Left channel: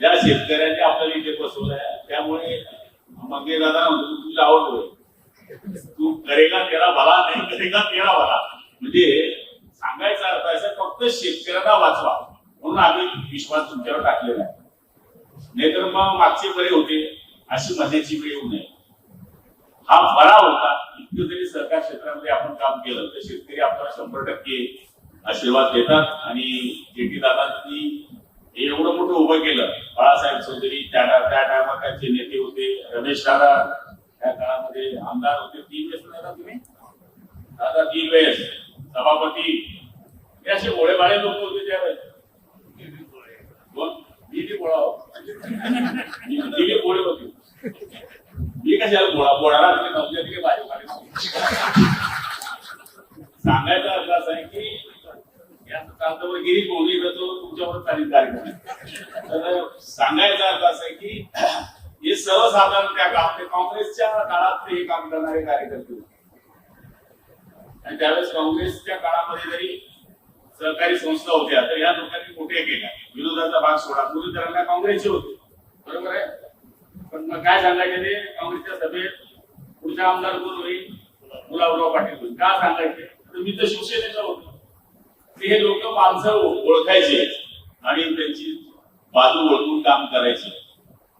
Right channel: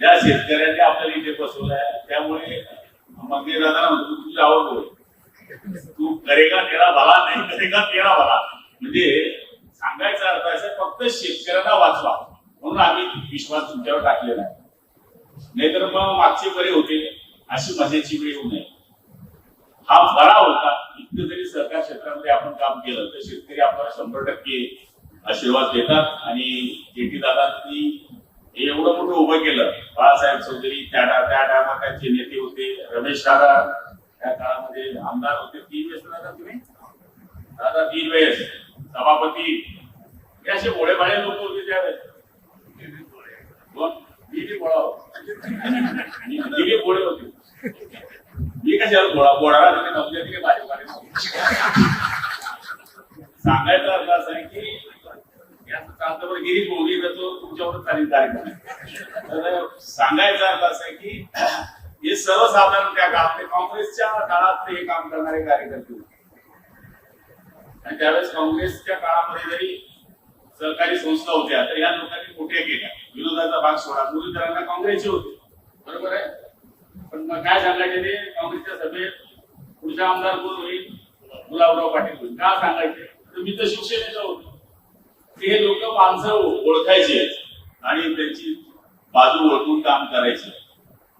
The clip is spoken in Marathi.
ज्या शेतकऱ्यांनी आपल्याला इथे बसवलंय त्यामुळे मंदिर दादा म्हणतो तुझी आवड होय, तू करेगा तेरा भला नाही करेगा तेरा भला. म्हणजे सांगायचा अर्थ असं फक्त शेतकऱ्यांना वाचवा म्हणून आम्ही विश्वास तुमच्यावर टाकलेला आहे. नाहीतर मग मागचे बरे होते अशी मजेची वेळ येऊ नये. हा बरा होता. इतकं जरी सरकार क्षेत्रामध्ये आपण काम केलं तर शेतकरी आपल्याला 100% आशीर्वाद देतात. आणि जेटी दादांनी एवढं मोठं उभं केलं. बाळासाहेब चौधरी त्या टायमात त्यांचे नेते होते. रमेश दादा त्या काळामध्ये आमदार होते. 3 वेळेस दादा तुम्ही दादा 3 वेळेस सभापती. हे असे भोळेभाळे लोक होते त्यावेळेस. गोळे होते. मी कशाला बोळाला नव्हते भाजपाने. सांगायचा अर्थ असा आहे की याचं गिरीश मोदी तो तुमच्यावर चालेल कार्यक्रम. तर सांगायचा अर्थ असा आहे की हे सर्वसाधारण त्या काळात काँग्रेसच्या काळात हे काम करणारे कार्यकर्ते होते. आणि त्यावेळेस काँग्रेसच्या काळामध्ये जरी सहकारी संस्था होत्या तर या लोकांनी मोठे केल्या. विरोधाचा भाग सोडा. मुरलीधरांना काँग्रेसचे होते. बरोबर आहे. पण मग काय सांगायचे ते काँग्रेसच्या सभेत पुढचा आमदार कोण होईल? गुलाबराव पाटील होईल. का सांगायचे? तर मी तर शिवसेनेचा होतो. हे लोक माणसं ओळखायचे आणि त्यांची बाजू ओळखून काम करायचे.